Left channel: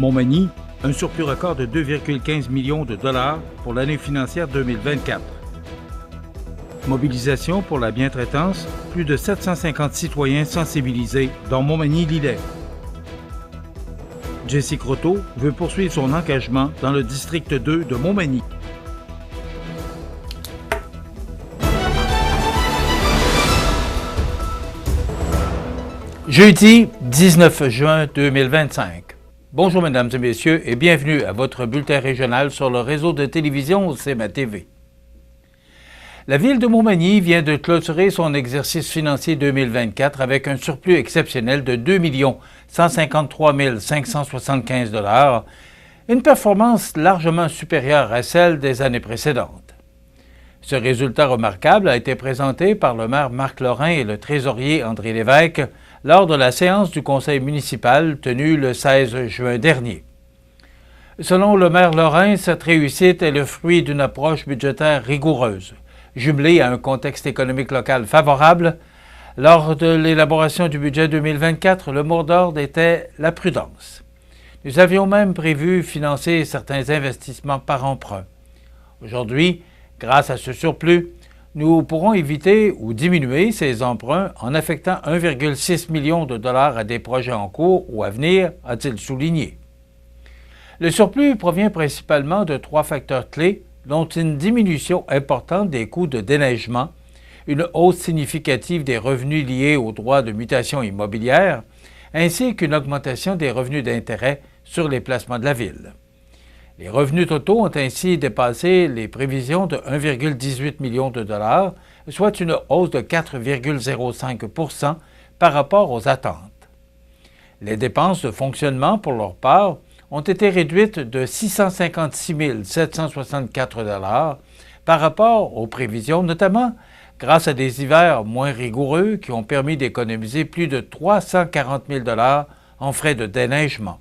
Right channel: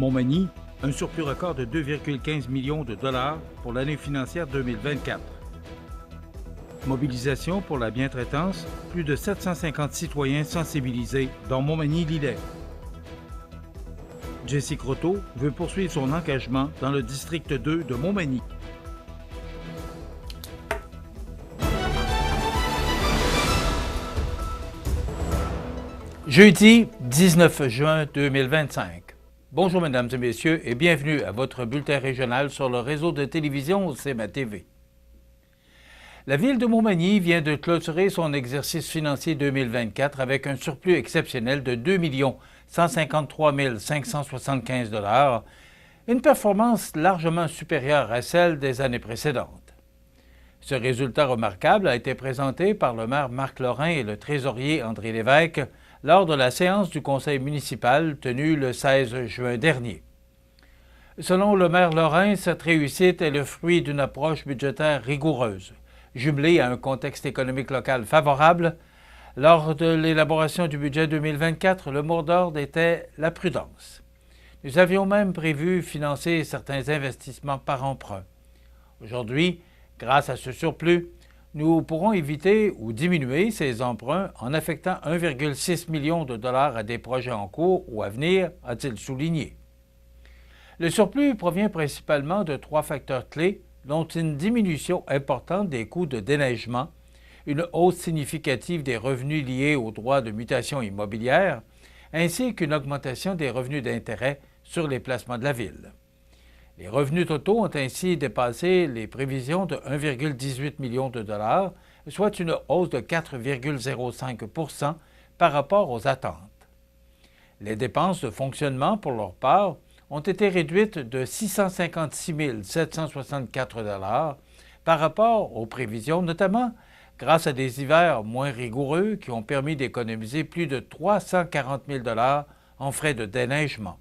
Montmagny, un surplus record de 2,15 millions de dollars pour l'année financière 2024. Mobilisation pour la bientraitance, plus de 750 citoyens sensibilisés dans Montmagny-Lillet. Jessie Croteau veut poursuivre son engagement dans le district 2 de Montmagny. Jeudi 19 juin 2025. Bonjour mesdames et messieurs et bienvenue à votre bulletin régional sur le réseau de télévision CMA TV. La ville de Montmagny vient de clôturer son exercice financier 2024 avec un surplus exceptionnel de 2 153 575 $, une performance largement supérieure à celle des années précédentes. Ce résultat remarquable a été présenté par le maire Marc Lorrain et le trésorier André Lévesque lors de la séance du conseil municipal tenue le 16 juin dernier. Selon le maire Lorrain, cette réussite est le fruit d'une approche budgétaire rigoureuse, jumelée à un contexte économique local favorable. Lors de l'élaboration du budget 2024, le mot d'ordre était la prudence. Nous avions même prévu financer certains investissements par emprunt. Aujourd'hui, grâce à ce surplus, nous pourrons éviter ou diminuer ces emprunts en affectant 1,6 million de dollars à des projets en cours ou à venir, a-t-il souligné. Le surplus provient principalement de 3 facteurs clés, dont une diminution importante des coûts de déneigement, une hausse significative des revenus liés aux droits de mutation immobilière, ainsi qu'une augmentation des revenus d'intérêt sur les placements de la ville. Les revenus totaux ont ainsi dépassé les prévisions de 1,18 million de dollars, soit une hausse de 4,05 % par rapport aux attentes. Les dépenses de fonctionnement, pour leur part, ont été réduites de 656 764 $ par rapport aux prévisions, notamment grâce à des hivers moins rigoureux qui ont permis d'économiser plus de 340 000 $ en frais de déneigement.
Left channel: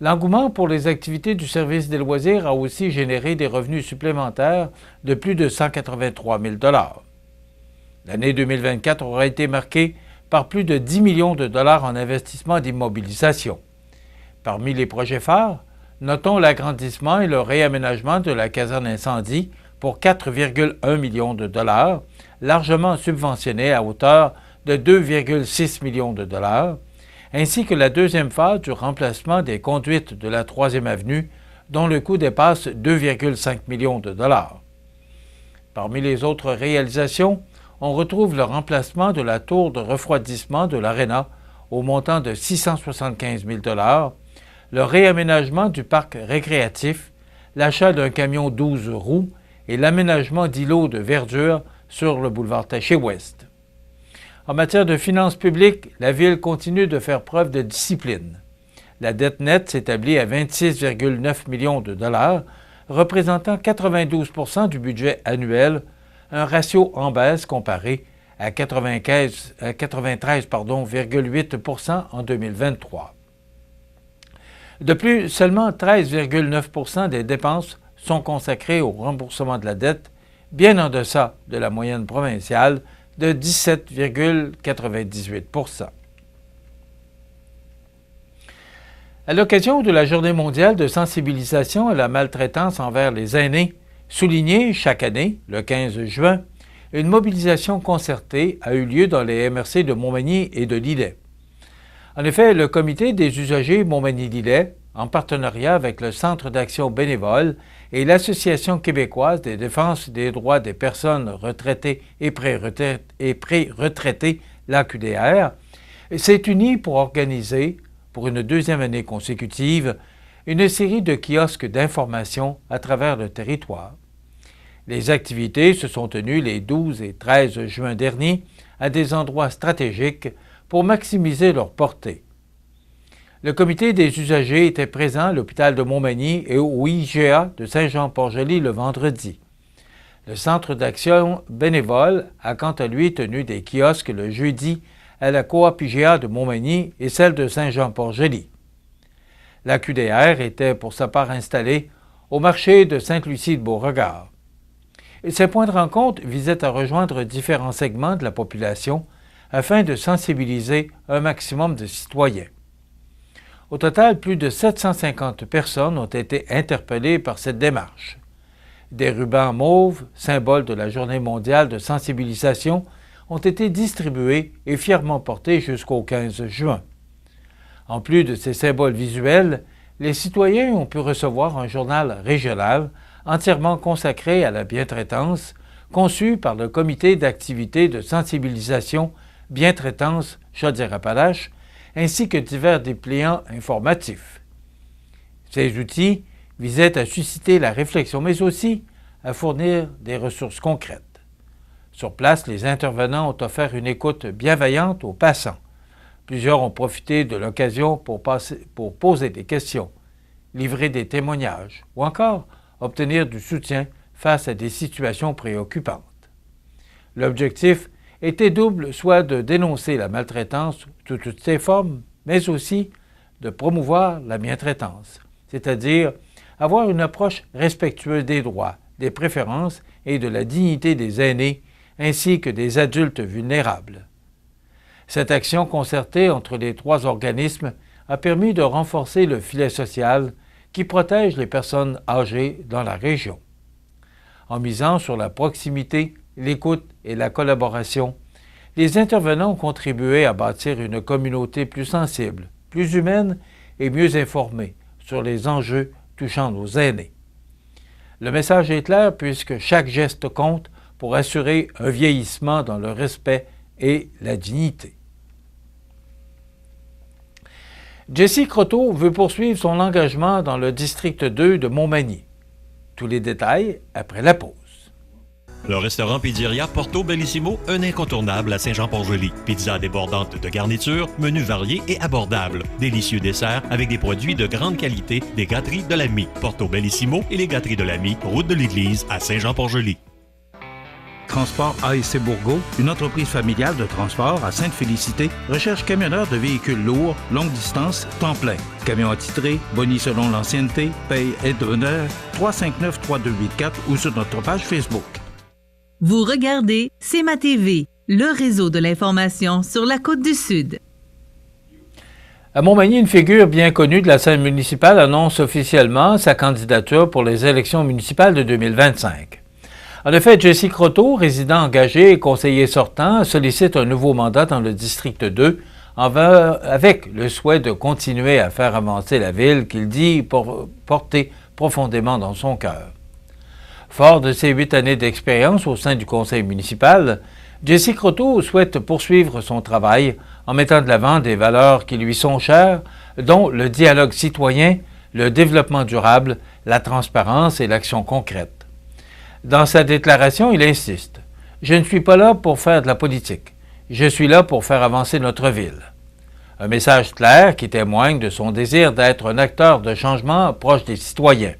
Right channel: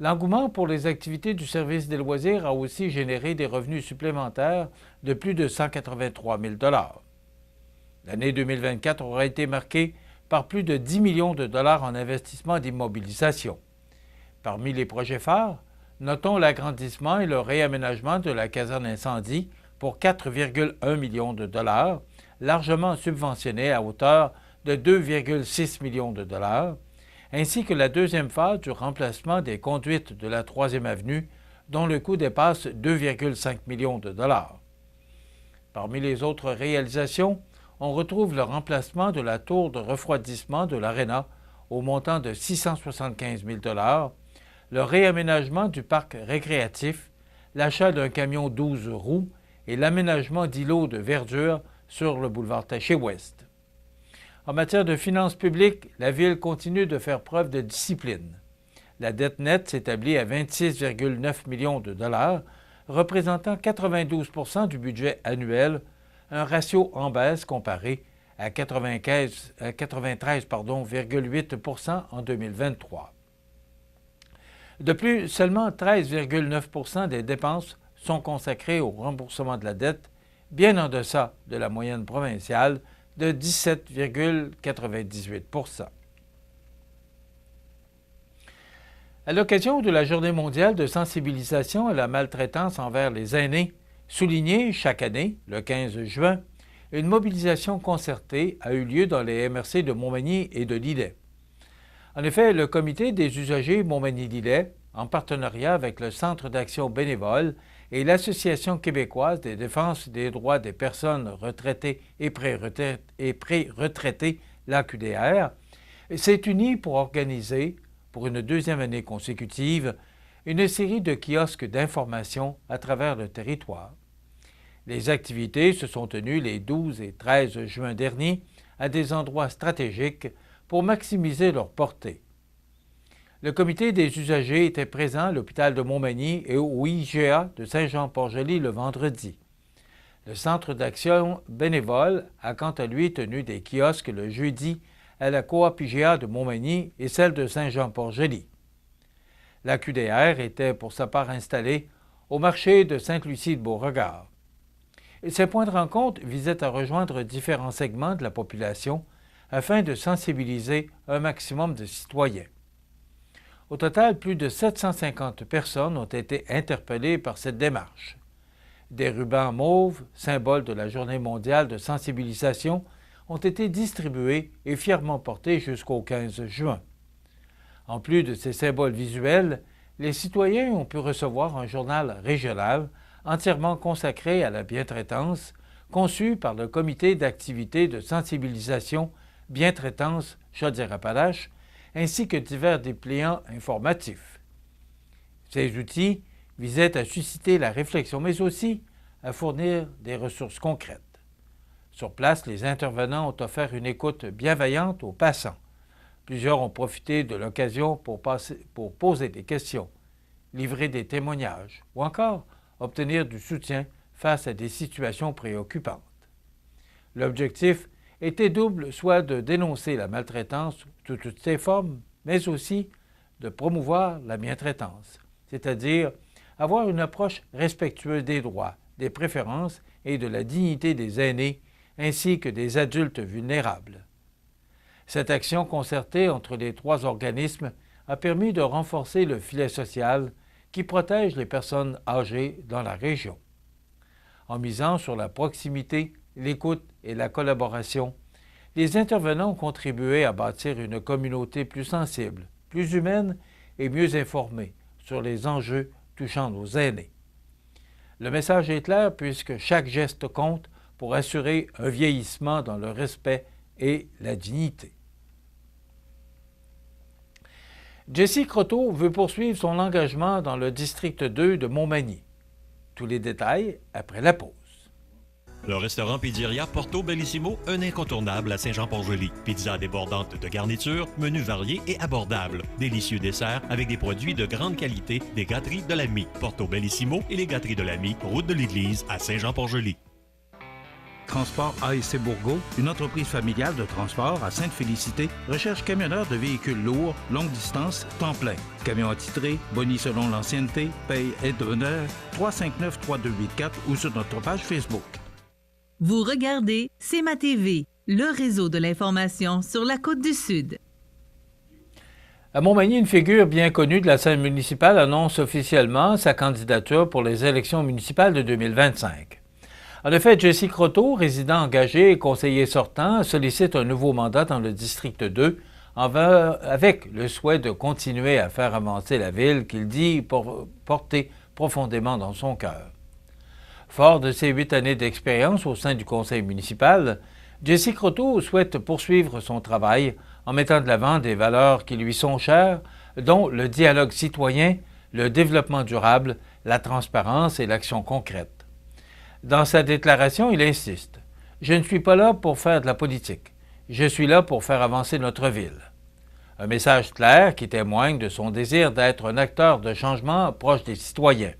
L'engouement pour les activités du service des loisirs a aussi généré des revenus supplémentaires de plus de 183 000 $. L'année 2024 aura été marquée par plus de 10 millions de dollars en investissement d'immobilisation. Parmi les projets phares, notons l'agrandissement et le réaménagement de la caserne incendie pour 4,1 millions de dollars, largement subventionné à hauteur de 2,6 millions de dollars, ainsi que la deuxième phase du remplacement des conduites de la 3e avenue, dont le coût dépasse 2,5 millions de dollars. Parmi les autres réalisations, on retrouve le remplacement de la tour de refroidissement de l'Arena au montant de 675 000 $, le réaménagement du parc récréatif, l'achat d'un camion 12 roues et l'aménagement d'îlots de verdure sur le boulevard Taché-Ouest. En matière de finances publiques, la Ville continue de faire preuve de discipline. La dette nette s'établit à 26,9 millions de dollars, représentant 92 % du budget annuel, un ratio en baisse comparé à 93,8 % en 2023. De plus, seulement 13,9 % des dépenses sont consacrées au remboursement de la dette, bien en deçà de la moyenne provinciale de 17,98 %. À l'occasion de la Journée mondiale de sensibilisation à la maltraitance envers les aînés, soulignée chaque année, le 15 juin, une mobilisation concertée a eu lieu dans les MRC de Montmagny et de Lillet. En effet, le Comité des usagers Montmagny-Lillet, en partenariat avec le Centre d'action bénévole et l'Association québécoise des défenses des droits des personnes retraitées et pré-retraitées, l'AQDR, s'est uni pour organiser, pour une 2e année consécutive, une série de kiosques d'information à travers le territoire. Les activités se sont tenues les 12 et 13 juin dernier à des endroits stratégiques pour maximiser leur portée. Le comité des usagers était présent à l'hôpital de Montmagny et au IGA de Saint-Jean-Port-Joli le vendredi. Le Centre d'action bénévole a quant à lui tenu des kiosques le jeudi à la coop IGA de Montmagny et celle de Saint-Jean-Port-Joli. La QDR était pour sa part installée au marché de Sainte-Lucie-de-Beauregard. Et ces points de rencontre visaient à rejoindre différents segments de la population afin de sensibiliser un maximum de citoyens. Au total, plus de 750 personnes ont été interpellées par cette démarche. Des rubans mauves, symbole de la Journée mondiale de sensibilisation, ont été distribués et fièrement portés jusqu'au 15 juin. En plus de ces symboles visuels, les citoyens ont pu recevoir un journal régional entièrement consacré à la bientraitance, conçu par le Comité d'activités de sensibilisation Bientraitance Chaudière-Appalaches, ainsi que divers dépliants informatifs. Ces outils visaient à susciter la réflexion, mais aussi à fournir des ressources concrètes. Sur place, les intervenants ont offert une écoute bienveillante aux passants. Plusieurs ont profité de l'occasion pour poser des questions, livrer des témoignages ou encore obtenir du soutien face à des situations préoccupantes. L'objectif était double, soit de dénoncer la maltraitance sous toutes ses formes, mais aussi de promouvoir la bientraitance, c'est-à-dire avoir une approche respectueuse des droits, des préférences et de la dignité des aînés ainsi que des adultes vulnérables. Cette action concertée entre les trois organismes a permis de renforcer le filet social qui protège les personnes âgées dans la région. En misant sur la proximité, l'écoute et la collaboration, les intervenants ont contribué à bâtir une communauté plus sensible, plus humaine et mieux informée sur les enjeux touchant nos aînés. Le message est clair puisque chaque geste compte pour assurer un vieillissement dans le respect et la dignité. Jessie Croteau veut poursuivre son engagement dans le district 2 de Montmagny. Tous les détails après la pause. Le restaurant Pizzeria Porto Bellissimo, un incontournable à Saint-Jean-Port-Joli. Pizza débordante de garniture, menus variés et abordables. Délicieux desserts avec des produits de grande qualité des gâteries de l'Ami. Porto Bellissimo et les gâteries de l'Ami, route de l'église à Saint-Jean-Port-Joli. Transport ASC Bourgault, une entreprise familiale de transport à Sainte-Félicité, recherche camionneurs de véhicules lourds, longue distance, temps plein. Camion attitré, boni selon l'ancienneté, paye aide d'honneur, 359-3284 ou sur notre page Facebook. Vous regardez CEMA TV, le réseau de l'information sur la Côte-du-Sud. À Montmagny, une figure bien connue de la scène municipale annonce officiellement sa candidature pour les élections municipales de 2025. En effet, Jessie Croteau, résident engagé et conseiller sortant, sollicite un nouveau mandat dans le district 2 avec le souhait de continuer à faire avancer la ville qu'il dit porter profondément dans son cœur. Fort de ses 8 années d'expérience au sein du conseil municipal, Jessie Croteau souhaite poursuivre son travail en mettant de l'avant des valeurs qui lui sont chères, dont le dialogue citoyen, le développement durable, la transparence et l'action concrète. Dans sa déclaration, il insiste « Je ne suis pas là pour faire de la politique. Je suis là pour faire avancer notre ville. » Un message clair qui témoigne de son désir d'être un acteur de changement proche des citoyens.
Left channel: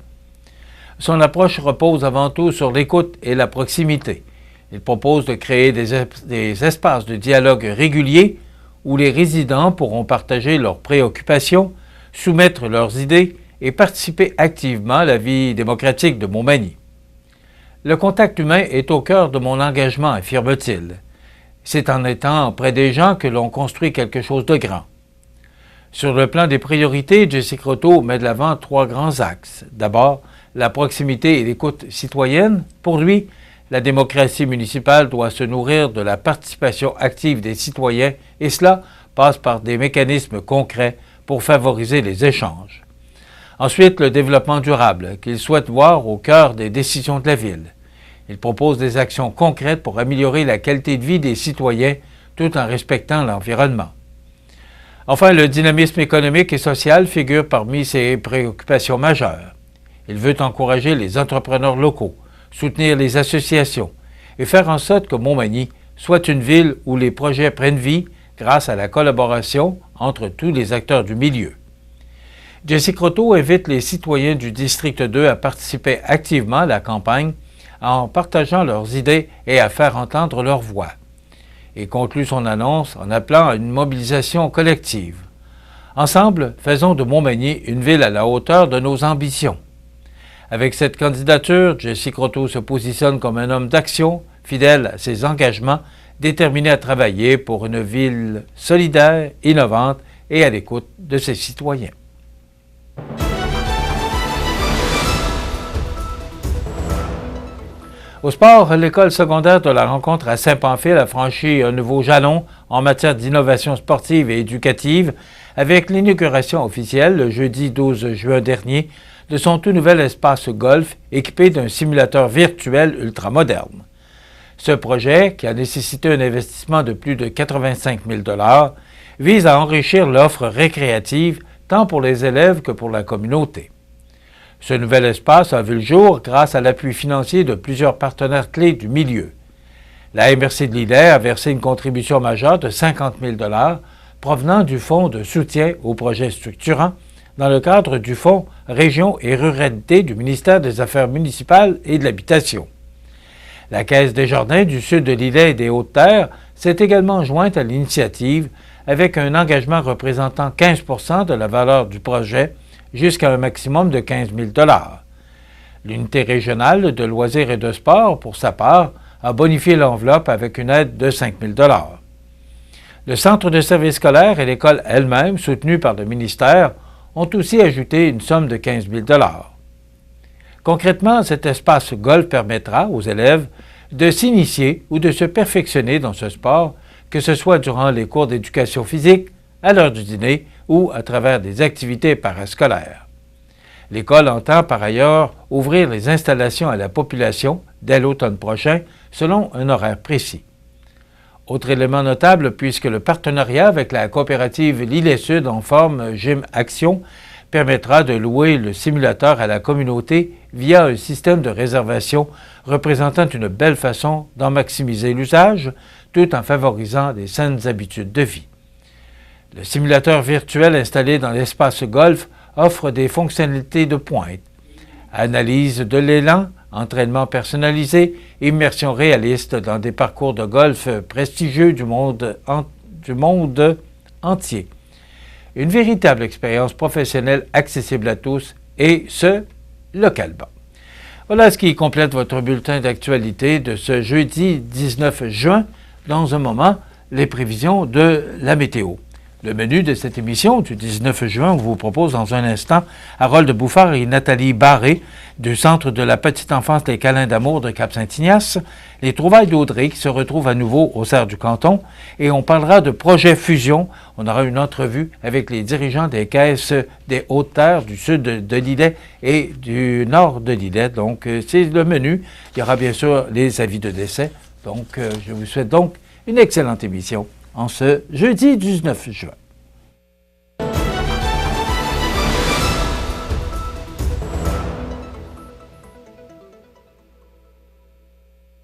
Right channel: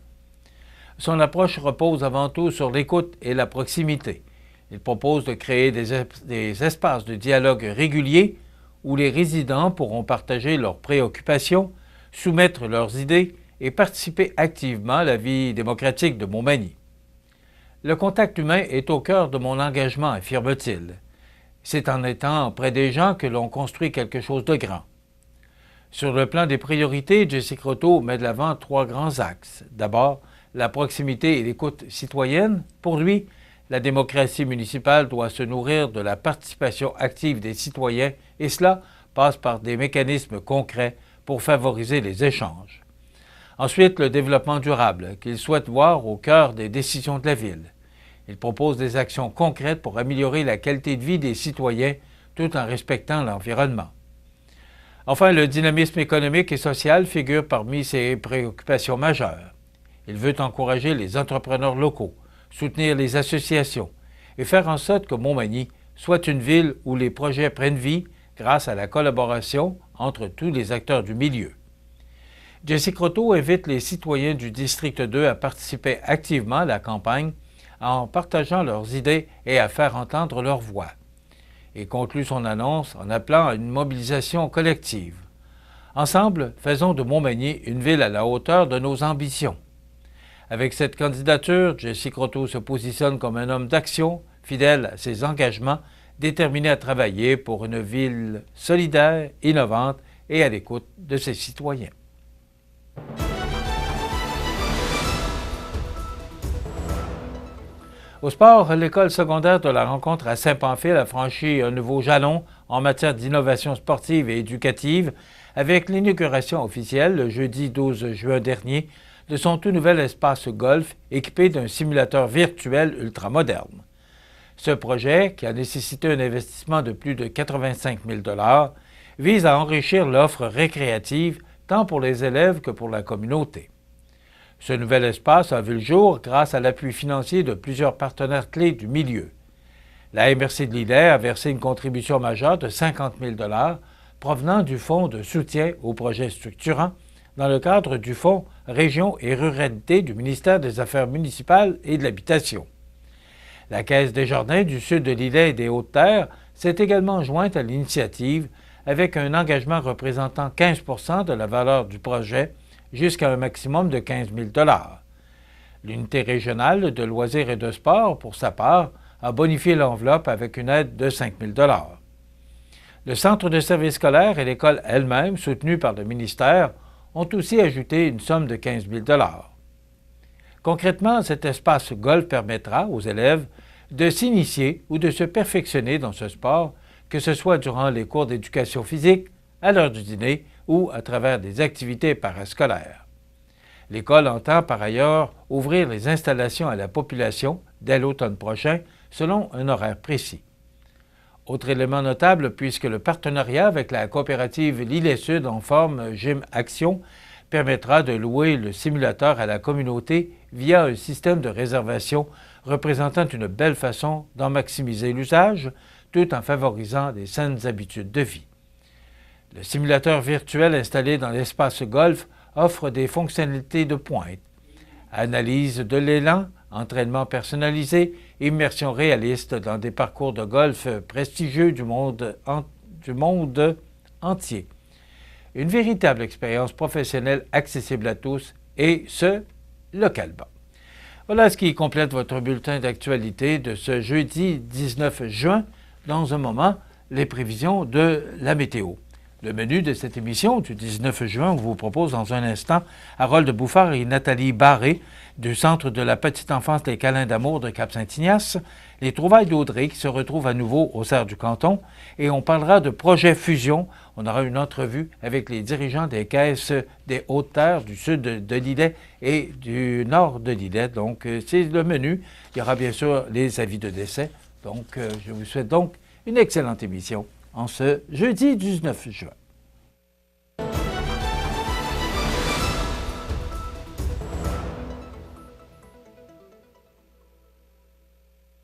Son approche repose avant tout sur l'écoute et la proximité. Il propose de créer des espaces de dialogue réguliers où les résidents pourront partager leurs préoccupations, soumettre leurs idées et participer activement à la vie démocratique de Montmagny. Le contact humain est au cœur de mon engagement, affirme-t-il. C'est en étant près des gens que l'on construit quelque chose de grand. Sur le plan des priorités, Jessie Croteau met de l'avant 3 grands axes. D'abord, la proximité et l'écoute citoyenne. Pour lui, la démocratie municipale doit se nourrir de la participation active des citoyens et cela passe par des mécanismes concrets pour favoriser les échanges. Ensuite, le développement durable, qu'il souhaite voir au cœur des décisions de la ville. Il propose des actions concrètes pour améliorer la qualité de vie des citoyens tout en respectant l'environnement. Enfin, le dynamisme économique et social figure parmi ses préoccupations majeures. Il veut encourager les entrepreneurs locaux, soutenir les associations et faire en sorte que Montmagny soit une ville où les projets prennent vie grâce à la collaboration entre tous les acteurs du milieu. Jessie Croteau invite les citoyens du district 2 à participer activement à la campagne en partageant leurs idées et à faire entendre leur voix. Et conclut son annonce en appelant à une mobilisation collective. Ensemble, faisons de Montmagny une ville à la hauteur de nos ambitions. Avec cette candidature, Jessie Croteau se positionne comme un homme d'action, fidèle à ses engagements, déterminé à travailler pour une ville solidaire, innovante et à l'écoute de ses citoyens. Au sport, l'école secondaire de la rencontre à Saint-Pamphile a franchi un nouveau jalon en matière d'innovation sportive et éducative avec l'inauguration officielle le jeudi 12 juin dernier de son tout nouvel espace golf équipé d'un simulateur virtuel ultramoderne. Ce projet, qui a nécessité un investissement de plus de 85 000 $, vise à enrichir l'offre récréative tant pour les élèves que pour la communauté. Ce nouvel espace a vu le jour grâce à l'appui financier de plusieurs partenaires clés du milieu. La MRC de Lillet a versé une contribution majeure de 50 000 $ provenant du Fonds de soutien aux projets structurants dans le cadre du Fonds Région et Ruralité du ministère des Affaires municipales et de l'Habitation. La Caisse des Jardins du sud de Lillet et des Hautes-Terres s'est également jointe à l'initiative avec un engagement représentant 15 % de la valeur du projet jusqu'à un maximum de 15 000 $. L'unité régionale de loisirs et de sport, pour sa part, a bonifié l'enveloppe avec une aide de 5 000 $. Le centre de service scolaire et l'école elle-même, soutenus par le ministère, ont aussi ajouté une somme de 15 000 $. Concrètement, cet espace golf permettra aux élèves de s'initier ou de se perfectionner dans ce sport, que ce soit durant les cours d'éducation physique, à l'heure du dîner ou à travers des activités parascolaires. L'école entend par ailleurs ouvrir les installations à la population dès l'automne prochain, selon un horaire précis. Autre élément notable, puisque le partenariat avec la coopérative Lillet Sud en forme Gym Action permettra de louer le simulateur à la communauté via un système de réservation représentant une belle façon d'en maximiser l'usage, tout en favorisant les saines habitudes de vie. Le simulateur virtuel installé dans l'espace golf offre des fonctionnalités de pointe. Analyse de l'élan, entraînement personnalisé, immersion réaliste dans des parcours de golf prestigieux du monde entier. Une véritable expérience professionnelle accessible à tous, et ce, localement. Voilà ce qui complète votre bulletin d'actualité de ce jeudi 19 juin. Dans un moment, les prévisions de la météo. Le menu de cette émission du 19 juin, on vous propose dans un instant Harold Bouffard et Nathalie Barré du Centre de la petite enfance Les Câlins d'amour de Cap-Saint-Ignace, les trouvailles d'Audrey qui se retrouvent à nouveau au Cerf du Canton, et on parlera de projet fusion. On aura une entrevue avec les dirigeants des caisses des Hautes-Terres du sud de Lillet et du nord de Lillet. Donc, c'est le menu. Il y aura bien sûr les avis de décès. Donc, je vous souhaite donc une excellente émission en ce jeudi 19 juin.